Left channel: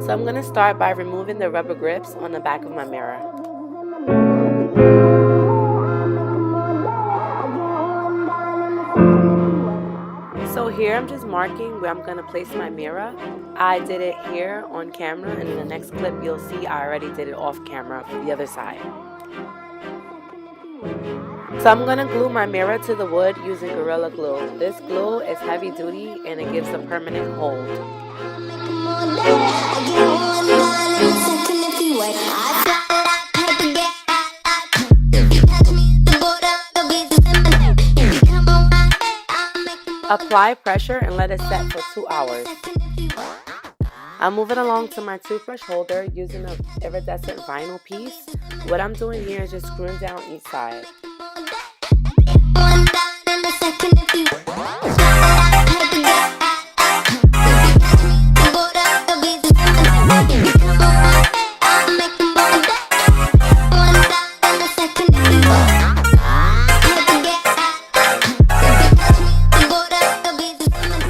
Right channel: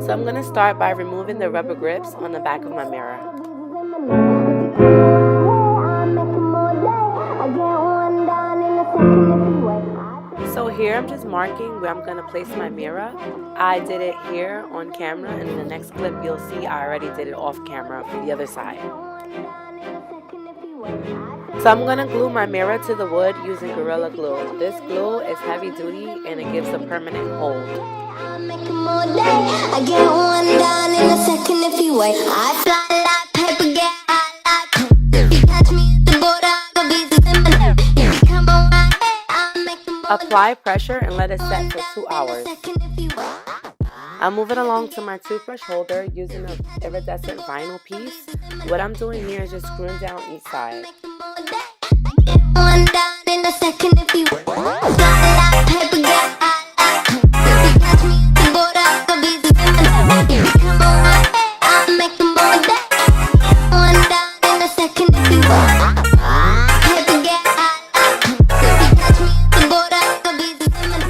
So I'm going to start by removing the rubber grips on the back of my mirror. So here I'm just marking where I'm going to place my mirror. I did it here on camera, and in the next clip you'll see I already did it off camera for the other side. So I'm going to glue my mirror to the wood using Gorilla Glue. This glue is heavy duty and it gives a permanent hold. Apply pressure and let it set for 2 hours. I'm moving along to my toothbrush holder using an iridescent vinyl piece. What I'm doing here is just screwing down each side.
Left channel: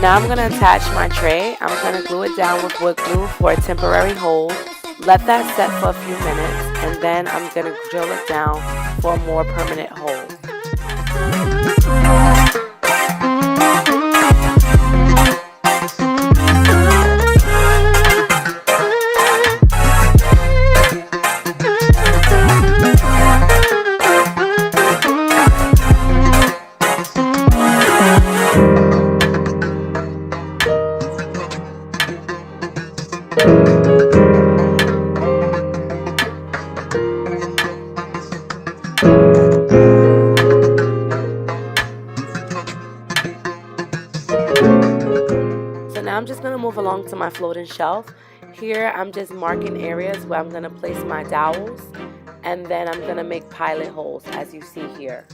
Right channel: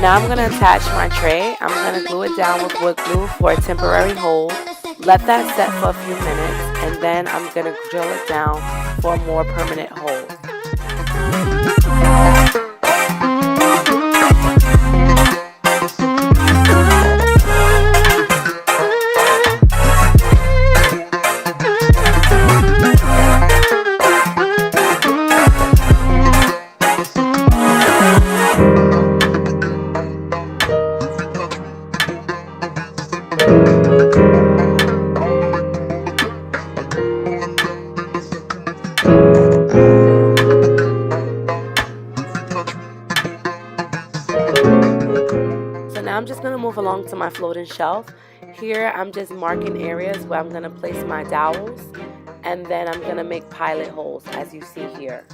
Now I'm going to attach my tray. I'm going to glue it down with wood glue for a temporary hold. Let that set for a few minutes, and then I'm going to drill it down for a more permanent hold. So now I'm just going to move along to my floating shelf. Here I'm just marking areas where I'm going to place my dowels, and then I'm going to make pilot holes as you see here.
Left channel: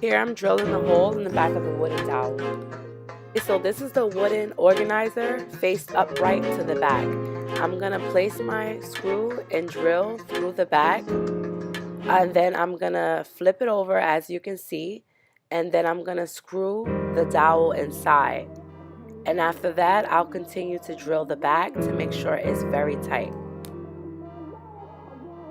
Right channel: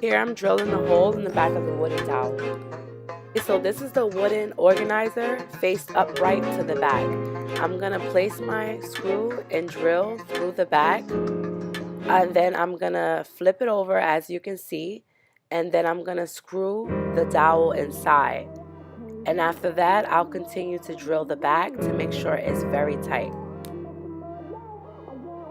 Here I'm drilling the hole in the back of the wooden dowel. So this is the wooden organizer faced upright to the back. I'm going to place my screw and drill through the back, and then I'm going to flip it over as you can see, and then I'm going to screw the dowel inside. And after that, I'll continue to drill the back to make sure it's very tight.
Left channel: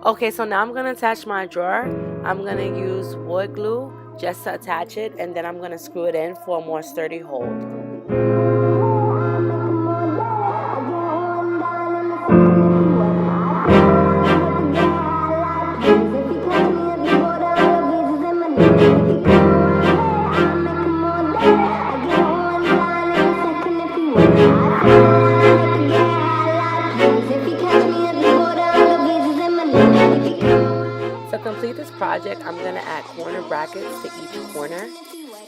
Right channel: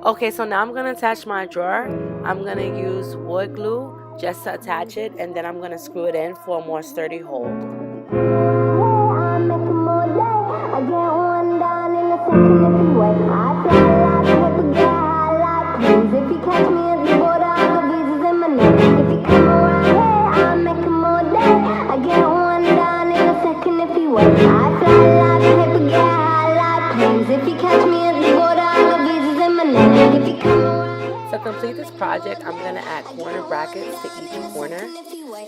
Okay, so now I'm going to attach my drawer. I'm going to use wood glue just to attach it, and then I'm going to screw it in for a more sturdy hold. To complete this project, I'm going to add corner brackets to each corner.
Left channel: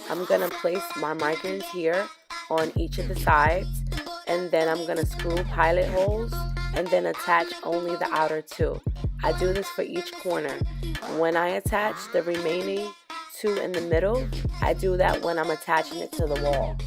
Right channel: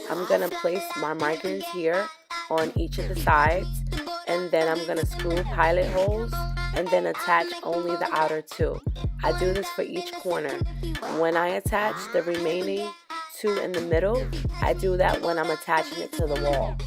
I'm going to place my markers here on each of the sides, and then I'm going to screw pilot holes and then attach only the outer two. I do this for each corner. When I attach the remaining two in the middle, I do that when I'm attaching it to the wall.